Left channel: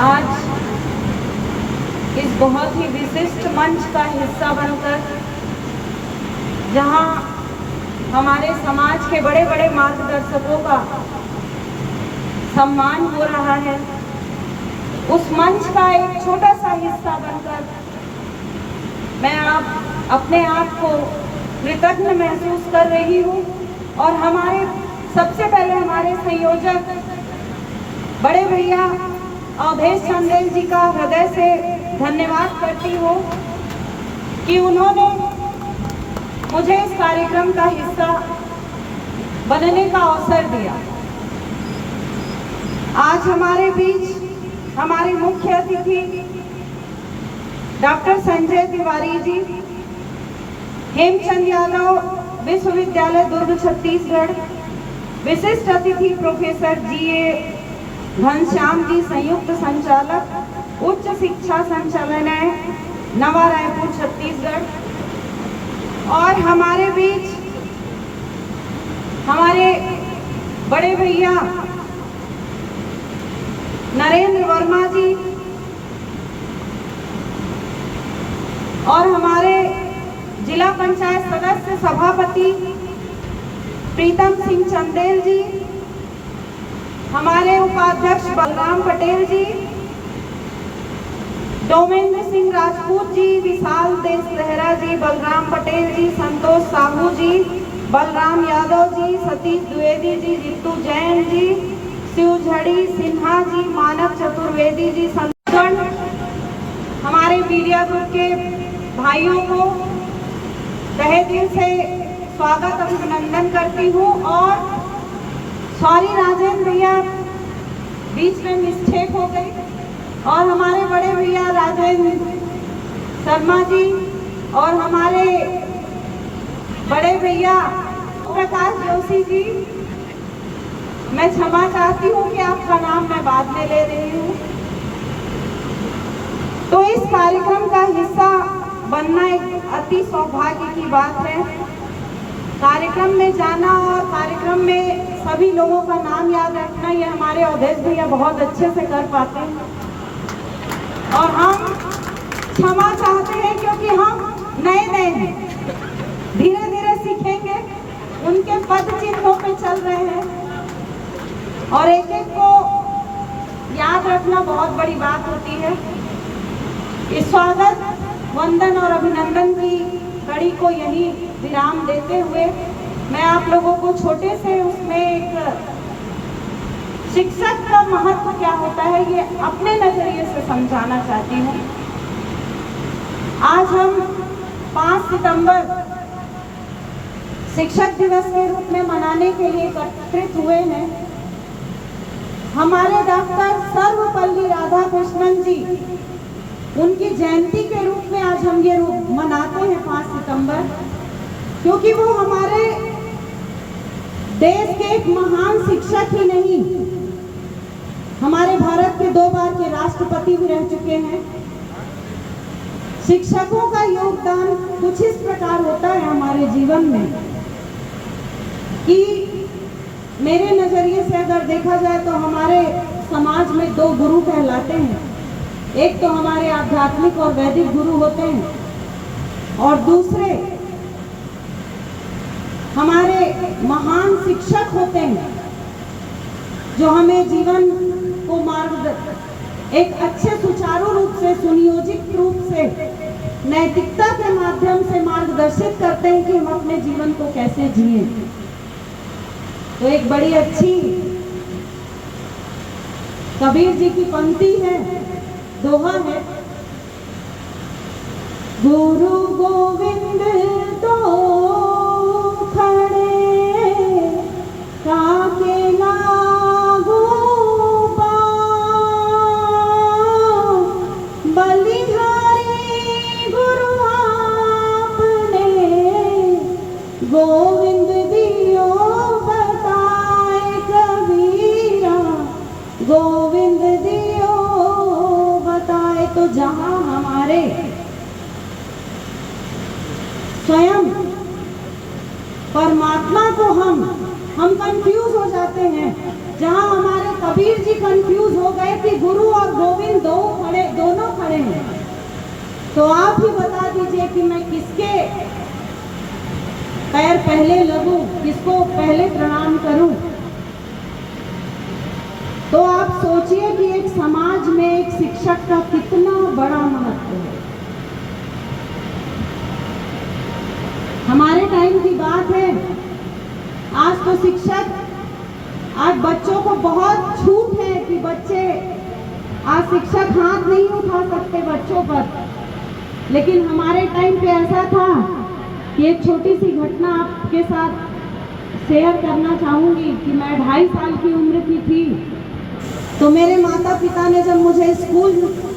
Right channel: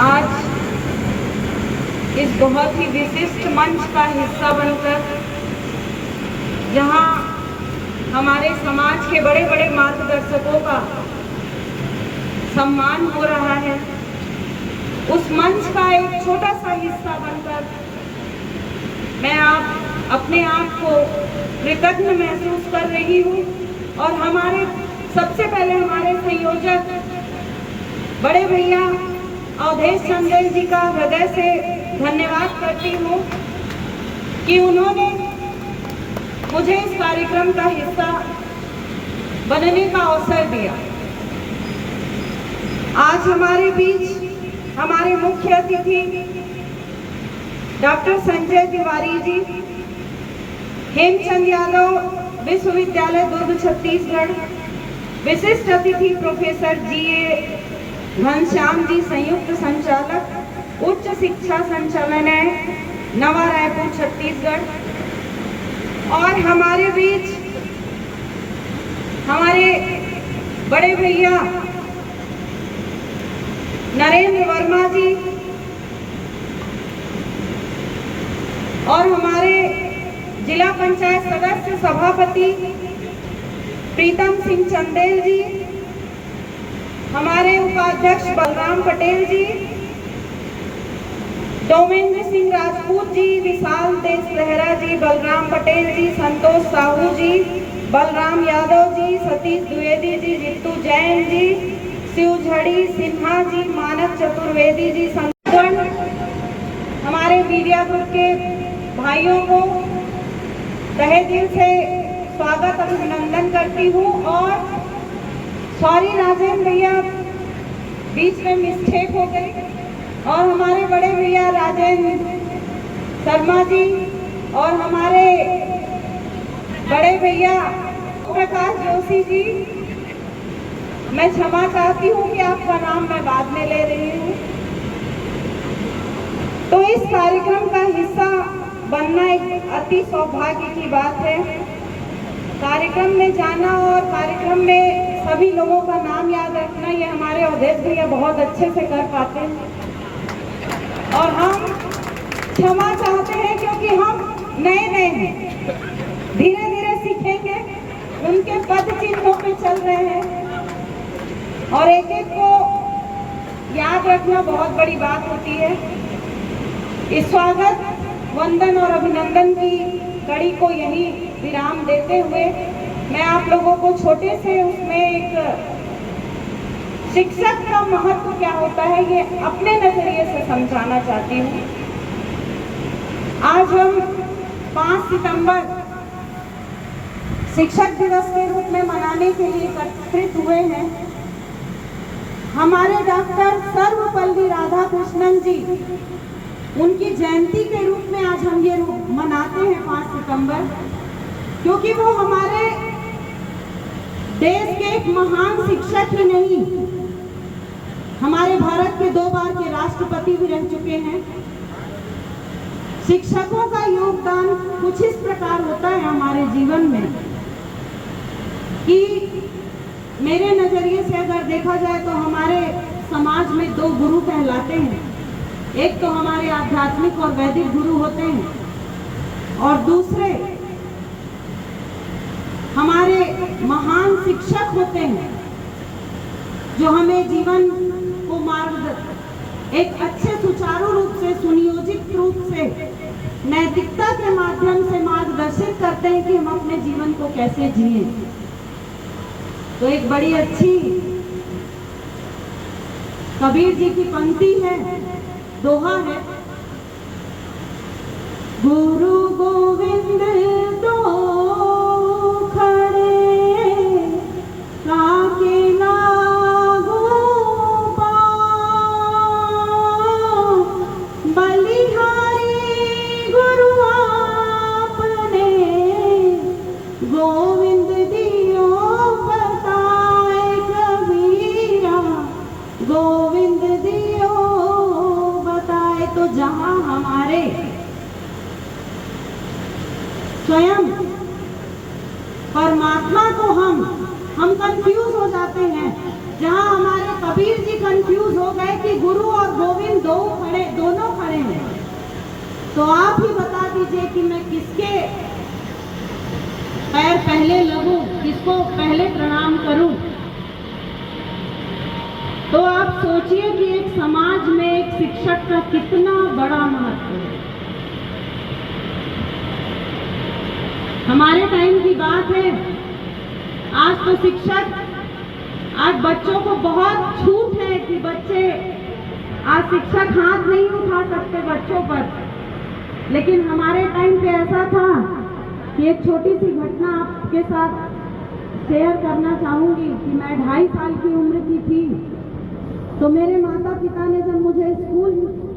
आज इस बहुत ही विशिष्ट मंच का हिस्सा बनकर जहां हमारे समाज के बड़े बड़े मार्गदर्शकों का सम्मान हो रहा है, उस मंच का एक छोटा सा हिस्सा बनकर मैं अपने आप को कृतज्ञ महसूस कर रही हूँ। और सबसे पहले हमारे संयोजक बड़े भैया अवधेश चंदेल जी का हृदय से धन्यवाद करती हूँ कि उन्होंने मुझे इस कार्यक्रम का हिस्सा बनने का अवसर दिया। आज हमारे बीच हमारे मुख्य अतिथि डॉक्टर संजय तिवारी जी, हेमचंद यादव विश्वविद्यालय दुर्ग छत्तीसगढ़, विशिष्ट अतिथि प्रोफेसर GA घनश्याम जी, संयुक्त संचालक उच्च शिक्षा संचालनालय नवा रायपुर छत्तीसगढ़, और हमारे बीच हमारे बड़े भैया नरेंद्र वर्मा जी और हमारे जिला पंचायत सदस्य सभापति प्रीतम सिंह चंदेल जी, हमारे उपाध्यक्ष बलराम पटेल जी, डोमेंद्र सिंह राजपूत जी, विशाल देश लहरा जी, बलराम पटेल जी, संतोष साहू जी, बलराम यादव जी, सतीश द्विवेदी जी, रितु जैन जी, शिवझड़ी सिन्हा जी, मानव चतुर्वेदी जी, संतगण, हमारे मीडिया ग्रुप के भाइयों को तहे दिल से स्वागत अभिनंदन करती हूँ। और सॉरी राजेंद्र भैया, बीच में मिस्टेक हो गई, और हमारे बड़े भैया राजेंद्र शर्मा जी और हमारे बड़े भैया प्रकाश जोशी जी, मैं क्षमा चाहती हूँ कि आपका नाम मैं बाद में ले रही हूँ। तो इस कार्यक्रम का हिस्सा बनना एक अति सौभाग्य की बात है। कार्यक्रम में जाना और कार्यक्रम में सभी लोगों का नाम याद रखना, ये हमारे अवधेश भैया बहुत अच्छे से कर पाते हैं, और हम क्षमा चाहते हैं क्योंकि हम नए हैं, धीरे धीरे सीखेंगे, उनके पद चिन्हों पे चल रहे हैं, और एक एक को याद रखना बहुत बड़ी बात होती है। इस स्वागत, वंदन और अभिनंदन की कड़ी को यही विराम देते हुए मैं आप लोगों को छोटे से उसमें एक शिक्षक का महत्व क्या होता है ये अपने नजरिए से समझाना चाहती हूँ। आज हम 5 सितंबर शिक्षक दिवस के रूप में मनाने के लिए एकत्रित हुए हैं। हमारे डॉक्टर सर्वपल्ली राधाकृष्णन जी, उनकी जयंती के रूप में आज हम ये मनाते हैं 5 सितंबर, क्योंकि वो हमारे देश के एक महान शिक्षक ही नहीं, हमारे भारत के 2 बार के राष्ट्रपति भी रह चुके हैं। शिक्षकों का योगदान कुछ इस प्रकार होता है हमारे जीवन में कि मेरे नजरिए से अगर देखा जाए तो हमारे समाज में 2 गुरु कहलाते हैं। एक तो हमारे आध्यात्मिक और वैदिक गुरु होते हैं, और दूसरे हमारे महान शिक्षक होते हैं जो हमें जीवन को एक अच्छे सुचारू रूप से, सुनियोजित रूप से, नैतिकता के माध्यम से मार्गदर्शित करते हैं कि हम अपने जीवन को कैसे जिए। तो एक बड़ी अच्छी कबीर जी की पंक्ति है, दोहा है, गुरु गोविंद दो खड़े काके लागू पाँव, बलिहारी गुरु आपने गोविंद दियो बताए कबीरा, गोविंद दियो बताए। तो जहां हमारे स्वयं परमात्मा को हम कंफ्यूज हो जाते हैं, जहां हमारे कबीर जी कंफ्यूज हो गए कि गुरु और गोविंद दोनों खड़े हैं, तो आप ही बता दीजिए कि मैं किसके पैर पहले लगूं, किसको पहले प्रणाम करूं। तो आप सोचिए कि एक समाज में एक शिक्षक का कितना बड़ा महत्व है। हमारे टाइम की बात है, आज तो आज बच्चों को बहुत छूट है कि बच्चे आज शिक्षक हाथ नहीं उठा सकते बच्चों पर, लेकिन हमारे टाइम पे ऐसा था कि एक छोटी सी घटना आपके साथ शेयर करना चाहूंगी कि मैं 2.5 साल की उम्र की थी, तो मेरे माता पिता ने जब मुझे स्कूल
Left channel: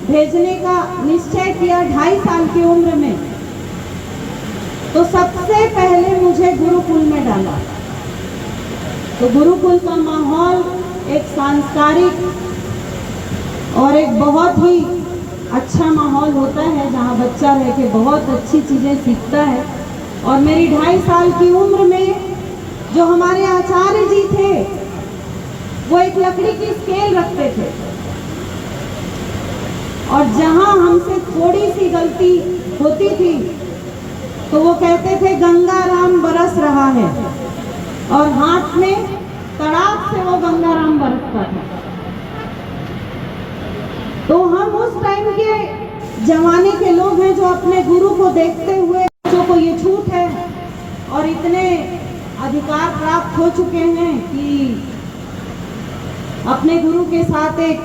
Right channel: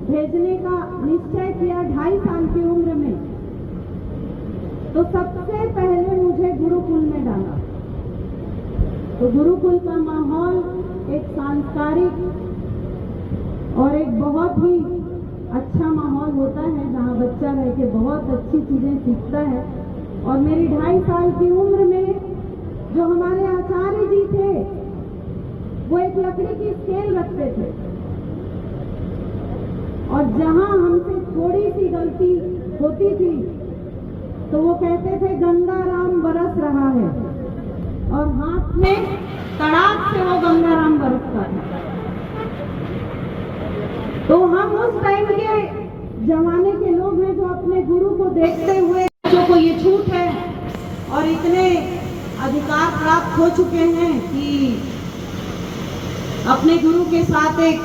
भेजने का निश्चय किया 2.5 साल की उम्र में, तो सबसे पहले मुझे गुरुकुल में डाला। तो गुरुकुल का माहौल एक सांस्कारिक और एक बहुत ही अच्छा माहौल होता है, जहाँ बच्चा रह के बहुत अच्छी चीज़ें सीखता है। और मेरी 2.5 साल की उम्र में जो हमारे आचार्य जी थे, वो एक लकड़ी की स्केल रखते थे, और जहाँ हमसे थोड़ी सी गलती होती थी तो वो कहते थे गंगाराम बरस रहा है, और हाथ में तड़ाक से वो गंगाराम बरसता था। तो हम उस टाइम के जमाने के लोग हैं जो अपने गुरु को देखते हुए बच्चों को ये छूट है और इतने अधिकार प्राप्त हो चुके हैं कि अपने गुरु के साथ एक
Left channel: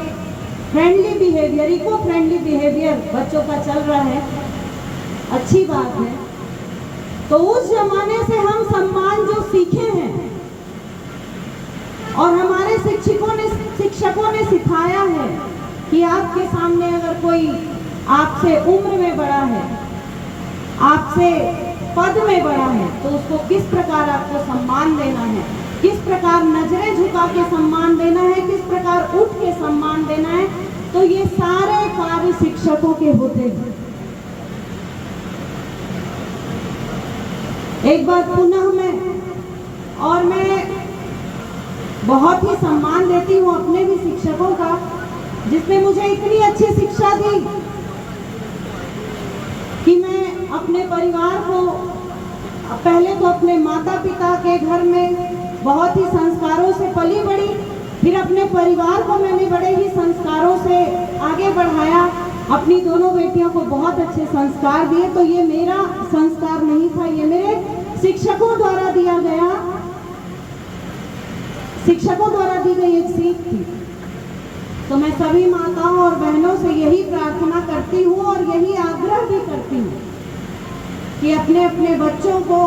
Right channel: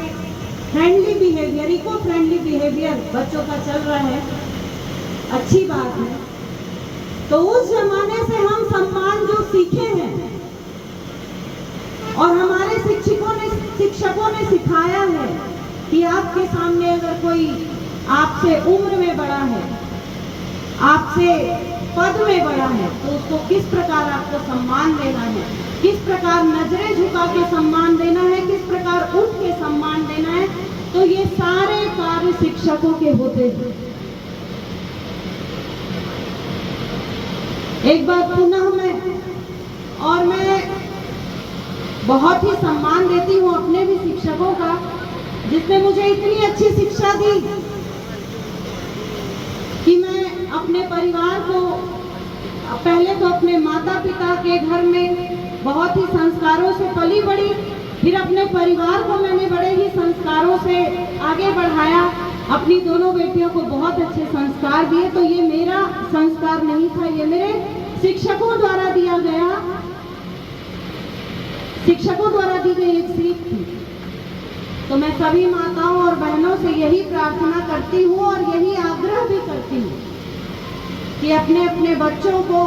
friendly behaviour, eco friendly behaviour बच्चों का चल रहा है, अच्छी बात है। तो उस जमाने से हम सम्मान जो सीखे हैं और हमारे शिक्षकों ने सिखाया है कि आपके सामने अगर कोई आपसे उम्र में बड़ा है, आपसे पद में बड़ा है, तो उसको किस प्रकार आपको सम्मान देना है, किस प्रकार नजरें झुका के सम्मान देना है, किस प्रकार उठ के सम्मान देना है, तो ये सारे कार्य शिक्षकों के होते हैं। एक बार पुनः मैं बहुत ही सम्मान देती हूँ अपने भी शिक्षकों का, जिसने मुझे इतनी अच्छी शिक्षा दी कि मैं अपने परिवार को, पहले तो अपने माता पिता के घर में बहुत ही संस्कारों से पली बड़ी, फिर अपने परिवार को मैंने बड़े ही संस्कारों से आगे बढ़ाया। अपनी दोनों बेटियों को बहुत अच्छे संस्कार दिए। तो ये मेरा संस्कार नहीं था, ये मेरे शिक्षकों द्वारा दिया गया, शिक्षकों द्वारा दी गई एक सीख थी। तो मैं सभी माताओं और बहनों से यही प्रार्थना करती हूँ और यही आग्रह भी करती हूँ कि अपने अपने बच्चों को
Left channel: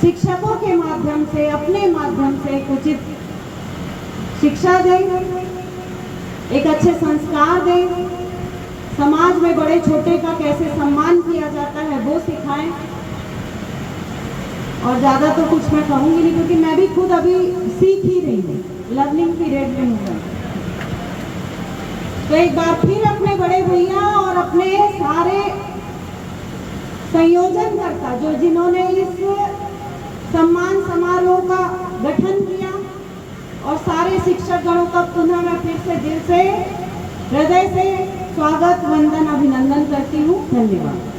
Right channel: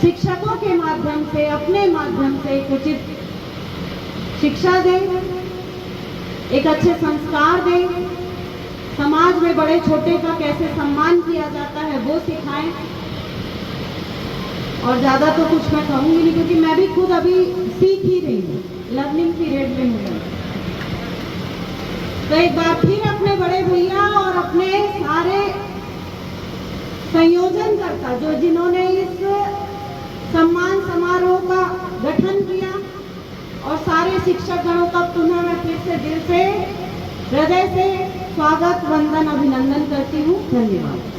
शिक्षकों के माध्यम से, अपने माध्यम से एक उचित शिक्षा दें, एक अच्छे संस्कार दें, समाज में बड़े छोटे का कैसे सम्मान किया जाता है वो सिखाएं। और ज़्यादा तो कुछ मैं कहूँगी नहीं, क्योंकि मैं भी खुद अभी सीख ही रही हूँ, लर्निंग पीरियड में हूँ। तो एक बार फिर अपने बड़े भैया और अपने सारे संयोजनकर्ता जिन्होंने इस सम्मान समारोह का गठन किया, और सारे शिक्षक गणों का पुनः मैं फिर से दिल से, हृदय से स्वागत, वंदन, अभिनंदन करती हूँ। धन्यवाद।